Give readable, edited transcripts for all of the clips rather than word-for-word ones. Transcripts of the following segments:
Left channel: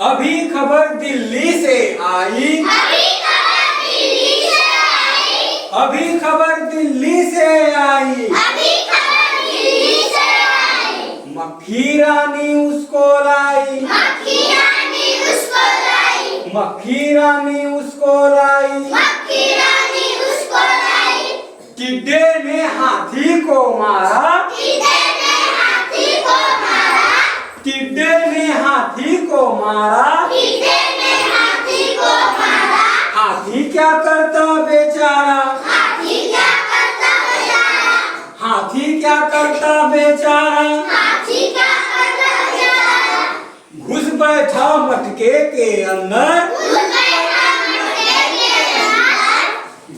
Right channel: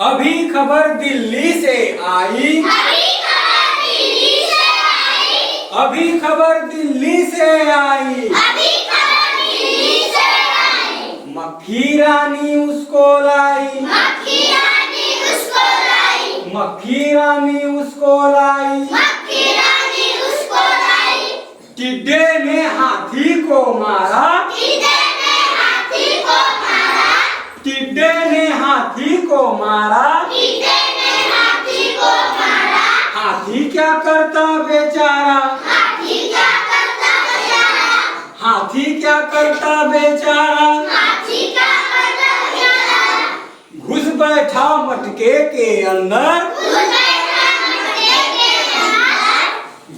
अभी खबर दिल्ली से आई। अभी खबर दिल्ली से आई। मक्खी रानी उसको लाई। मक्खी रानी उसको लाई। टिड्डे ने हाथी को मारा। टिड्डे ने हाथी को मारा। हाथी क्या करता बेचारा। हाथी क्या करता बेचारा। घुस बैठा मटके के अंदर।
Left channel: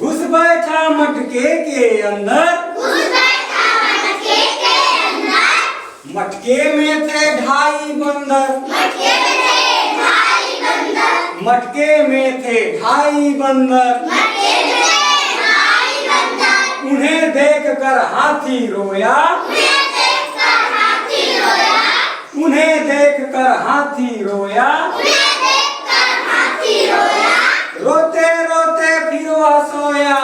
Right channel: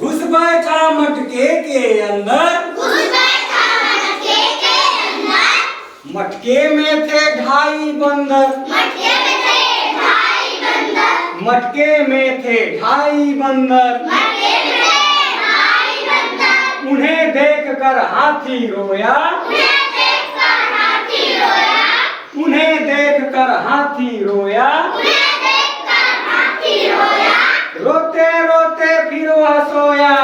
घुस बैठा मटके के अंदर। मटके में थे 2.5 बंदर। मटके में थे 2.5 बंदर। उन्हें देखकर हाथी रोया। उन्हें देखकर हाथी रोया। रोते रोते फिर वह सोया।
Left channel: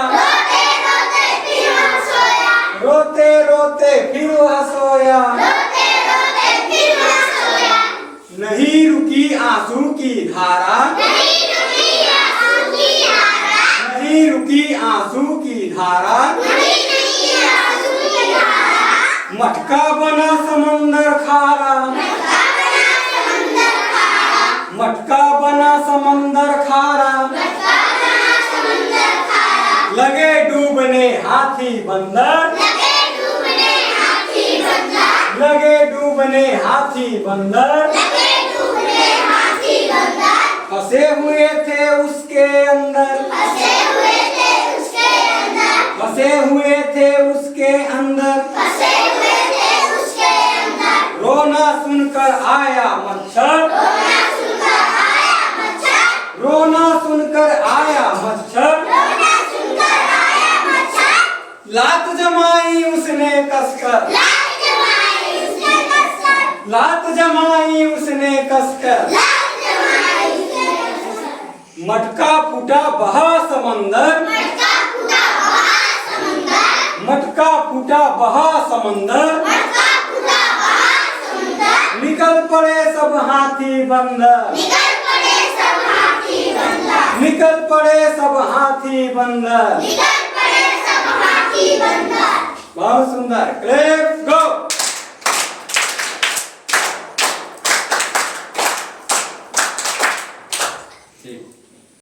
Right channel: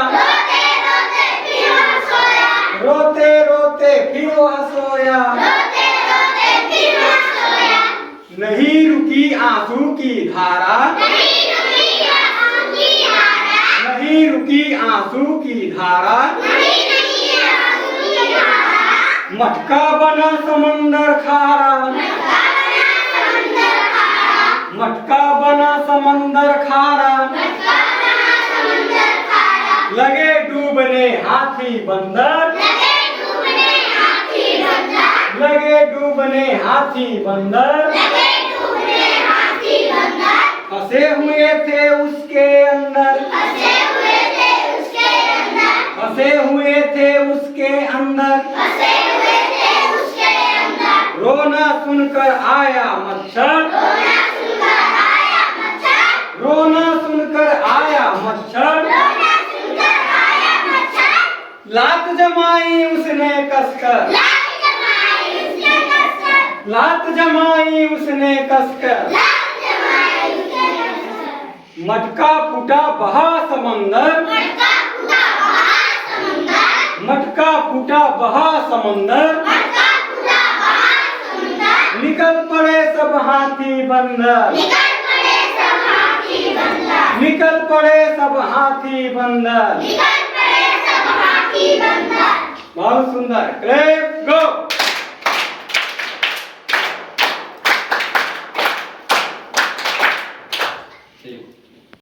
रोते रोते फिर वह सोया। नहीं रुकी आंसू की धारा। नहीं रुकी आंसू की धारा। मटका बना समंदर खारा। मटका बना समंदर खारा। लगे डूबने हाथी बंदर। लगे डूबने हाथी बंदर। फंसे हुए थे उसके अंदर। फंसे हुए थे उसके अंदर। रोना सुनकर आया मच्छर। रोना सुनकर आया मच्छर। लात जमाई उसने कसकर। लात जमाई उसने कसकर। मटका फूटा बहा समंदर। मटका फूटा बहा समंदर। निकल पड़े सब हाथी बंदर। निकल पड़े सब हाथी बंदर। बहुत सुंदर। क्लैप गो।